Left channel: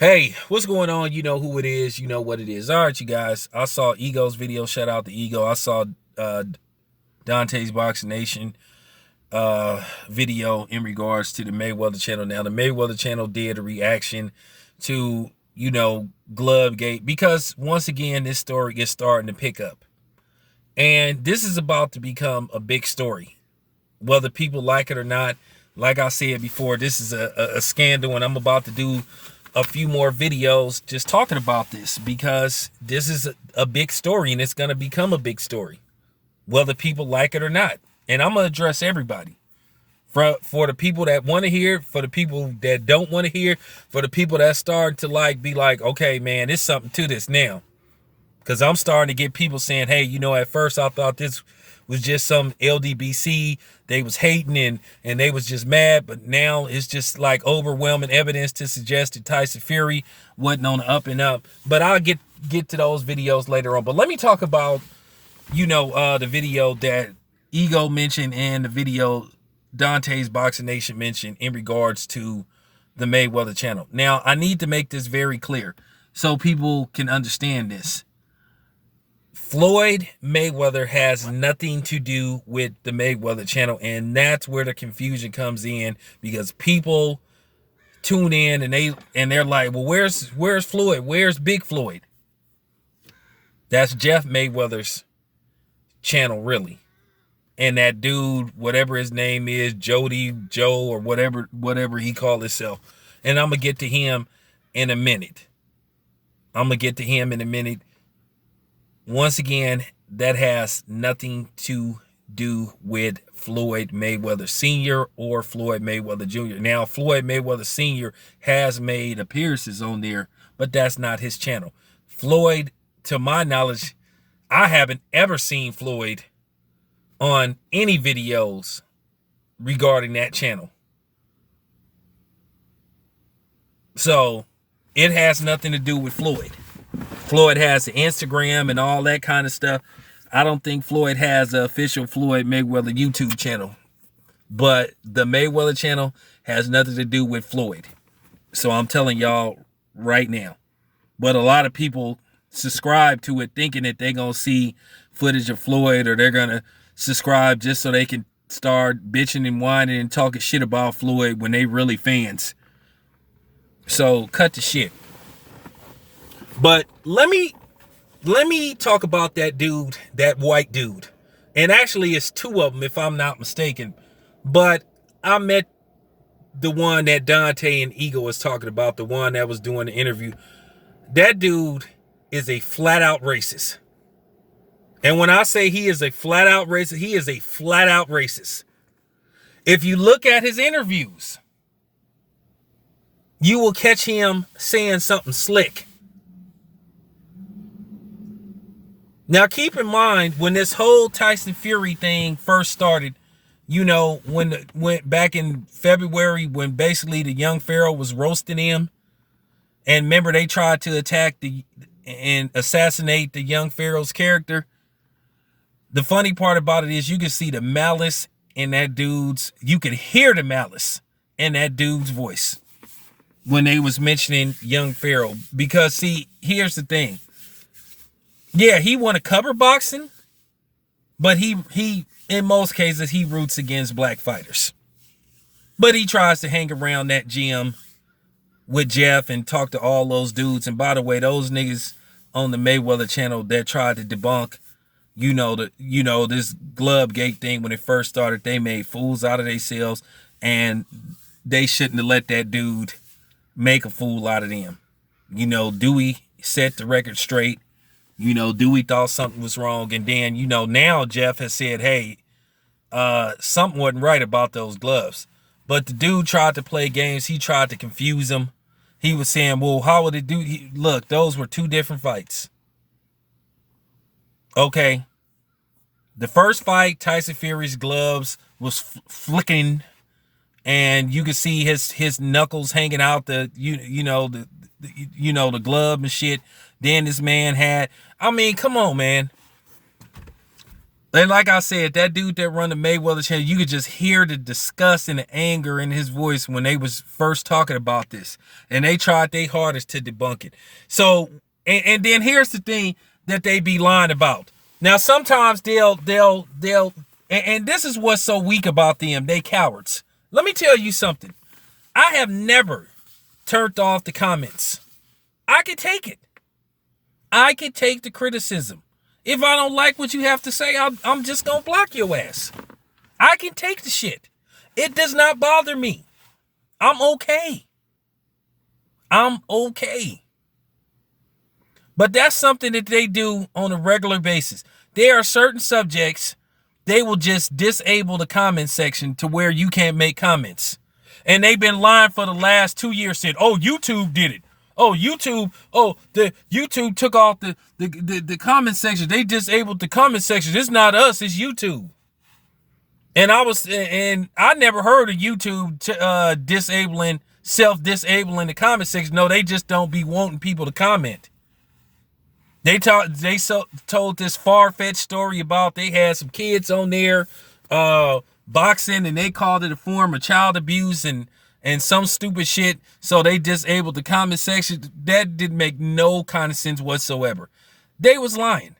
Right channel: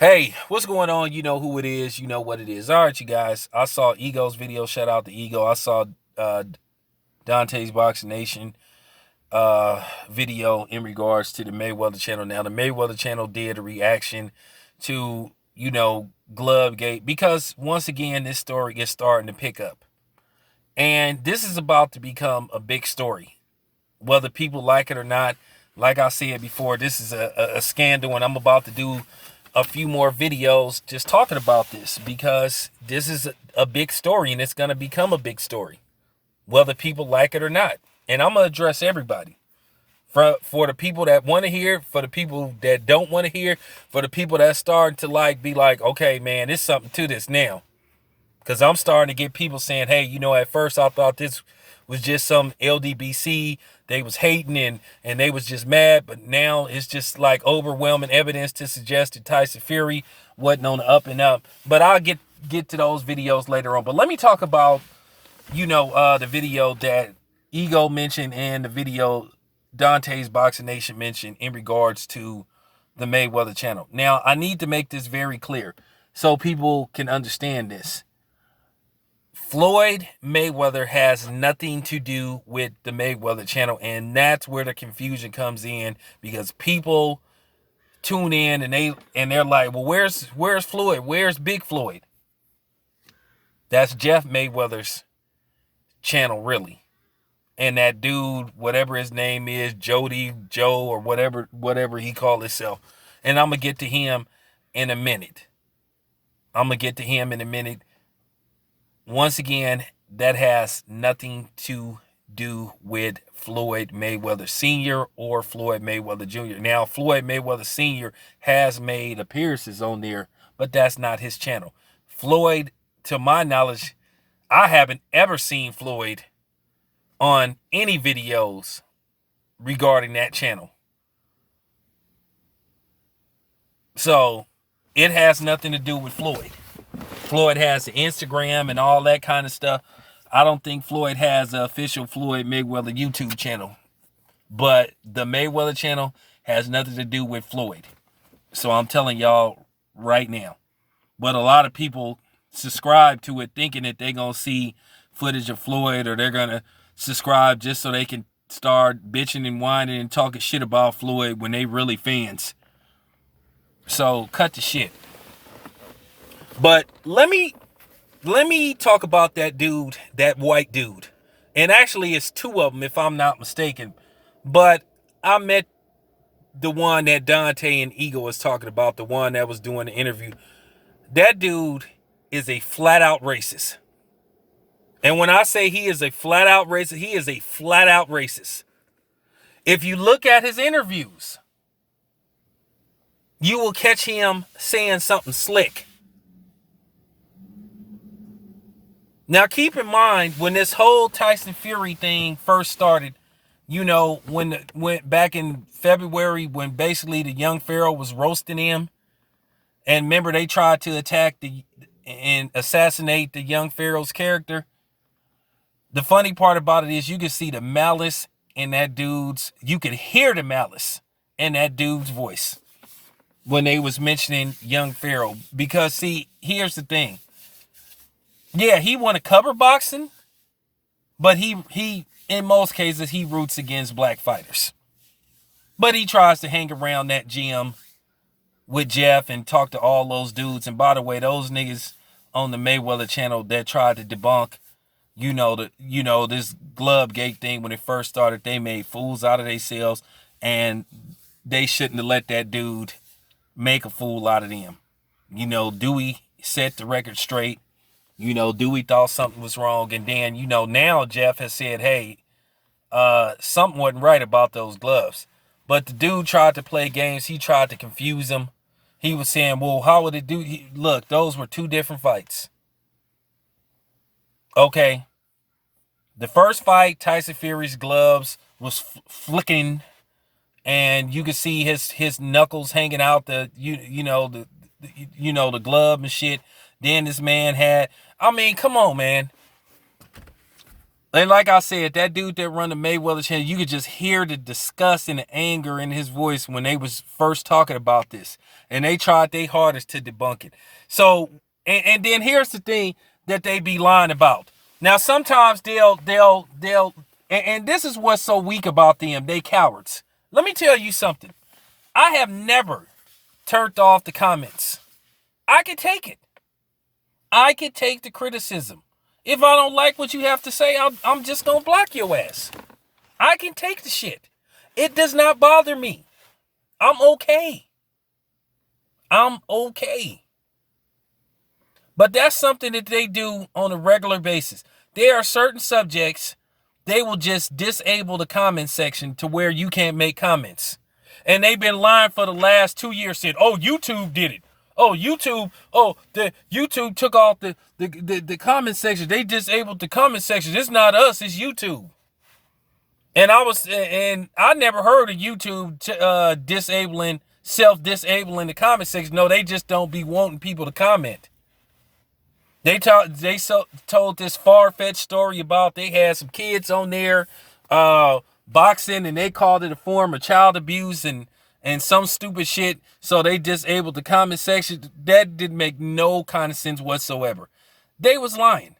Hey, what's going on? You know who it is. You know what it is. All right, you guys. I saw Ego's video. Shout out to Ego. I saw uh, Dante's Boxing Nation video in regards to the Mayweather channel. Now, the Mayweather channel did a reaction to, Glove Gate because, once again, this story is starting to pick up. And this is about to become a big story. Whether people like it or not, like I said before, this is a scandal, and I'm about to do a few more videos just talking about this because this is a big story and it's going to become a big story, whether people like it or not. And I'm going to address everybody. For the people that want to hear, for the people that don't want to hear, for the people that starting to be like, okay, man, there's something to this now. Because I'm starting to get people saying, hey, at first I thought this was just some LDBC. They was hating and they was just mad. But now it's just like overwhelming evidence to suggest that Tyson Fury wasn't on the up and up. But I'll get to those videos later on. But let me talk about, the video that Ego mentioned and the video Dante's Boxing Nation mentioned in regards to the Mayweather channel. Now, I need to make this very clear so people can understand this. Floyd Mayweather has nothing to do with the Mayweather channel, and that's where the confusion comes in because people tune in and they're like, well, where's Floyd? Where's Big Floyd? That's Jeff Mayweather's channel, really. And that dude, whatever his name is, Joe, or whatever he called himself. And I'm gonna get to him in a minute. Once again, that has nothing to do with Floyd Mayweather Sr. or Floyd Mayweather Jr. Now, Floyd Mayweather Sr. has made appearances on there, but that's not his channel. Floyd, to my knowledge, I haven't ever seen Floyd on any videos regarding that channel. So, it has nothing to do with Floyd. Floyd has the Instagram and all that kind of stuff. I don't think Floyd has an official Floyd Mayweather YouTube channel. But the Mayweather channel has nothing to do with Floyd. So I'm telling y'all right now. But a lot of people subscribe to it thinking that they're going to see footage of Floyd, or they're going to subscribe just so they can start bitching and whining and talking shit about Floyd when they really fans. So cut the shit. But let me talk about that dude, that white dude. And actually it's two of them if I'm not mistaken. But I met the one that Dante and Ego was talking about, the one that was doing the interview. That dude is a flat out racist. And when I say he is a flat out racist, he is a flat out racist. If you look at his interviews, you will catch him saying something slick. Now, keep in mind, when this whole Tyson Fury thing first started, when went back in February, when basically the young Pharaoh was roasting him, and remember they tried to attack and assassinate the young Pharaoh's character. The funny part about it is you can see the malice in that dude's, you could hear the malice in that dude's voice when they was mentioning young Pharaoh. Because see, here's the thing. Yeah, he want to cover boxing, but he in most cases he roots against black fighters. But he tries to hang around that gym with Jeff and talk to all those dudes. And by the way, those niggas on the Mayweather channel that tried to debunk, this glove gate thing when it first started, they made fools out of themselves, and they shouldn't have let that dude make a fool out of them. Dewey set the record straight. Dewey thought something was wrong. And then, now Jeff has said, hey, something wasn't right about those gloves. But the dude tried to play games. He tried to confuse him. He was saying, well, how would it do? Look, those were two different fights. Okay. The first fight, Tyson Fury's gloves was flicking, and you could see his knuckles hanging out the glove and shit. Then this man had, come on, man. And like I said, that dude that run the Mayweather channel, you could just hear the disgust and the anger in his voice when they was first talking about this. And they tried their hardest to debunk it. So, and then here's the thing that they be lying about. Now, sometimes they'll and this is what's so weak about them. They cowards. Let me tell you something. I have never turned off the comments. I can take it. I can take the criticism. If I don't like what you have to say, I'm just going to block your ass. I can take the shit. It does not bother me. I'm okay. I'm okay. But that's something that they do on a regular basis. There are certain subjects, they will just disable the comment section to where you can't make comments. And they've been lying for the last 2 years, said, oh, YouTube did it. Oh, the YouTube took off the comment section. They disabled the comment section. It's not us, it's YouTube. And I never heard of YouTube self-disabling the comment section. No, they just don't be wanting people to comment. They told this far-fetched story about they had some kids on there boxing, and they called it a form of child abuse and some stupid shit. So they disabled the comment section. That didn't make no kind of sense whatsoever. They was lying.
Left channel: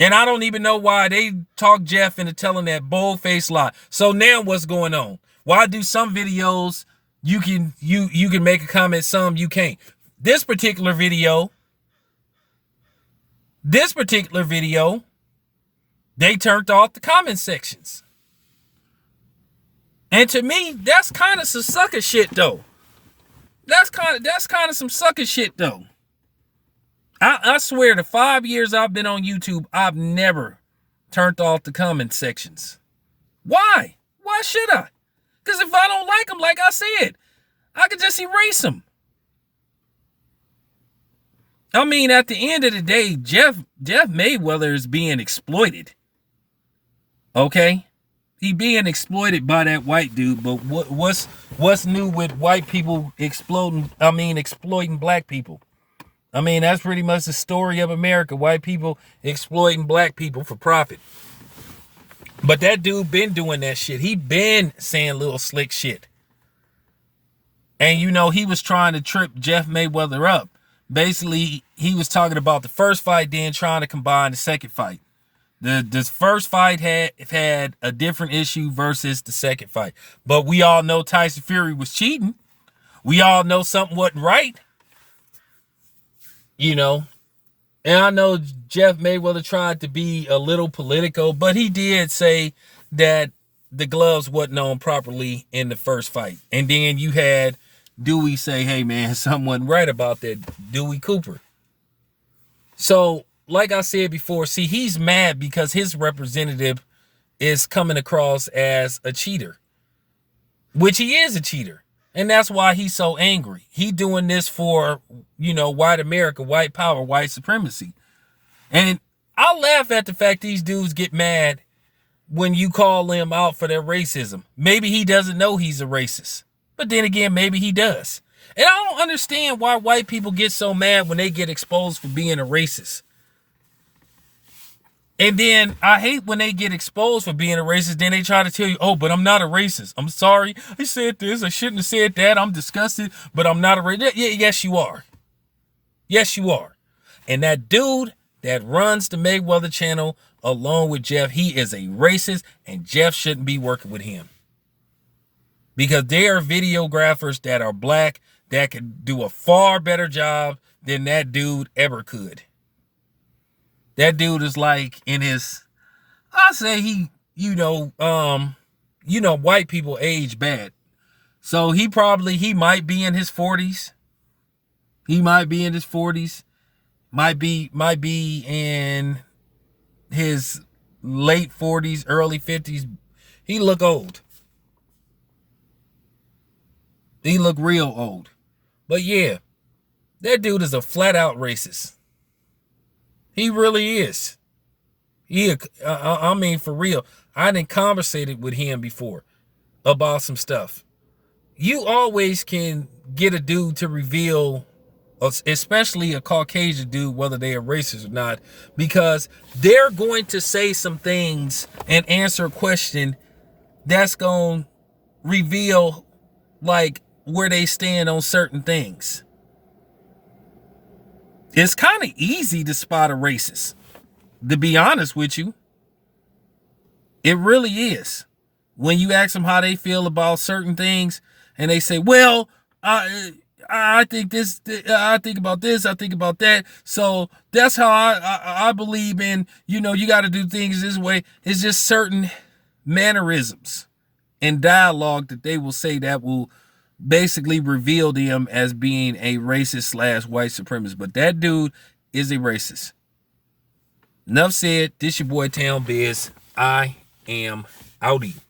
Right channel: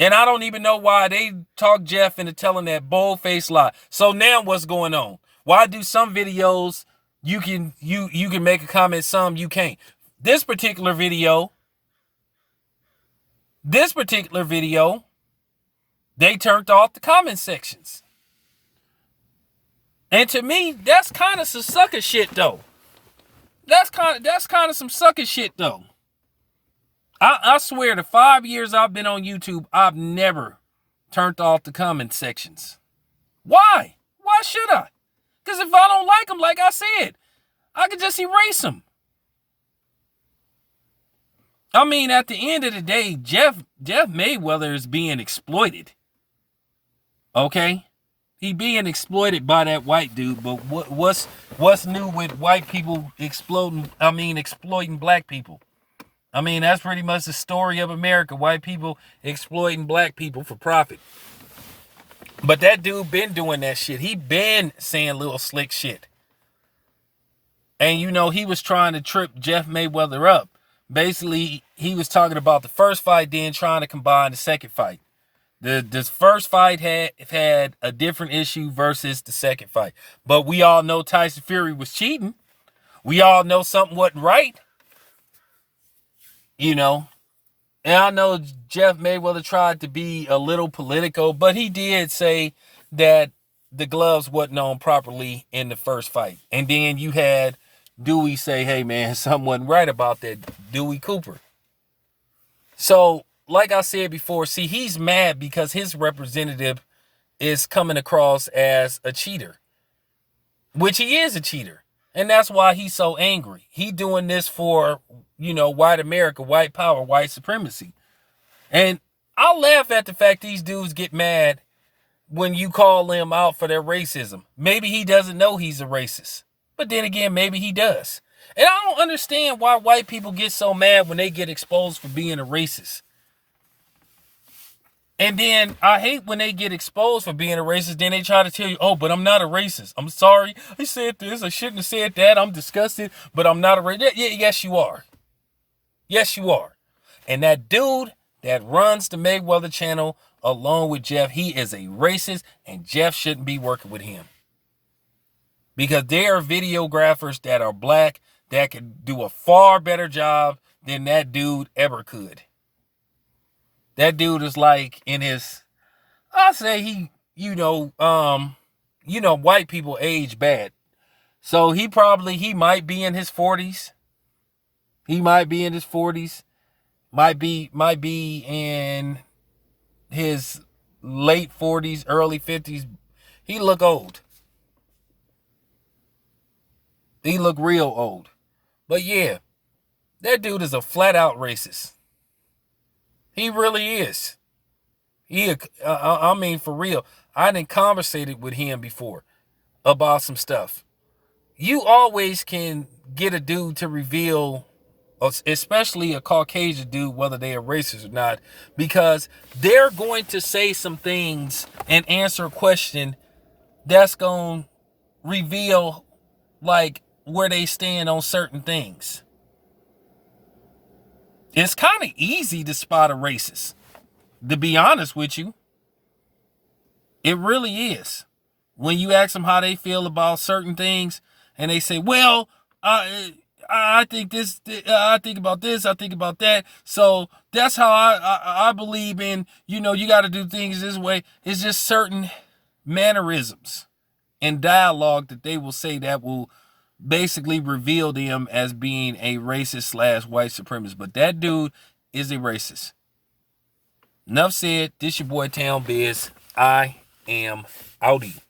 And I don't even know why they talked Jeff into telling that bold-faced lie. So now what's going on? Why do some videos you can make a comment, some you can't? This particular video, they turned off the comment sections. And to me, that's kind of some sucker shit, though. That's kind of some sucker shit, though. I swear, the 5 years I've been on YouTube, I've never turned off the comment sections. Why? Why should I? Because if I don't like them, like I said, I can just erase them. I mean, at the end of the day, Jeff Mayweather is being exploited. Okay? He being exploited by that white dude, but what's new with white people exploiting black people? I mean, that's pretty much the story of America. White people exploiting black people for profit. But that dude been doing that shit. He been saying little slick shit. And he was trying to trip Jeff Mayweather up. Basically, he was talking about the first fight, then trying to combine the second fight. The first fight had a different issue versus the second fight. But we all know Tyson Fury was cheating. We all know something wasn't right. And I know Jeff Mayweather tried to be a little political, but he did say that the gloves wasn't on properly in the first fight. And then you had Dewey say, hey, man, something wasn't right about that, Dewey Cooper. So, like I said before, see, he's mad because his representative is coming across as a cheater, which he is a cheater. And that's why he's so angry. He doing this for, white America, white power, white supremacy. And I laugh at the fact these dudes get mad when you call them out for their racism. Maybe he doesn't know he's a racist. But then again, maybe he does. And I don't understand why white people get so mad when they get exposed for being a racist. And then I hate when they get exposed for being a racist. Then they try to tell you, oh, but I'm not a racist. I'm sorry. I said this. I shouldn't have said that. I'm disgusted, but I'm not a racist. Yes, you are. Yes, you are. And that dude that runs the Mayweather channel along with Jeff, he is a racist, and Jeff shouldn't be working with him. Because there are videographers that are black that could do a far better job than that dude ever could. That dude is like in his, I say white people age bad. So he might be in his 40s. He might be in his 40s. Might be in his late 40s, early 50s. He look old. He look real old. But yeah, that dude is a flat out racist. He really is. I mean, for real. I done conversated with him before about some stuff. You always can get a dude to reveal especially a Caucasian dude, whether they are racist or not, because they're going to say some things and answer a question that's going to reveal like where they stand on certain things. It's kind of easy to spot a racist, to be honest with you. It really is. When you ask them how they feel about certain things, and they say, well, I think this, I think about this, I think about that. So that's how I believe in, you got to do things this way. It's just certain mannerisms and dialogue that they will say that will basically reveal them as being a racist / white supremacist. But that dude is a racist. Enough said. This your boy Town Biz. I am outie.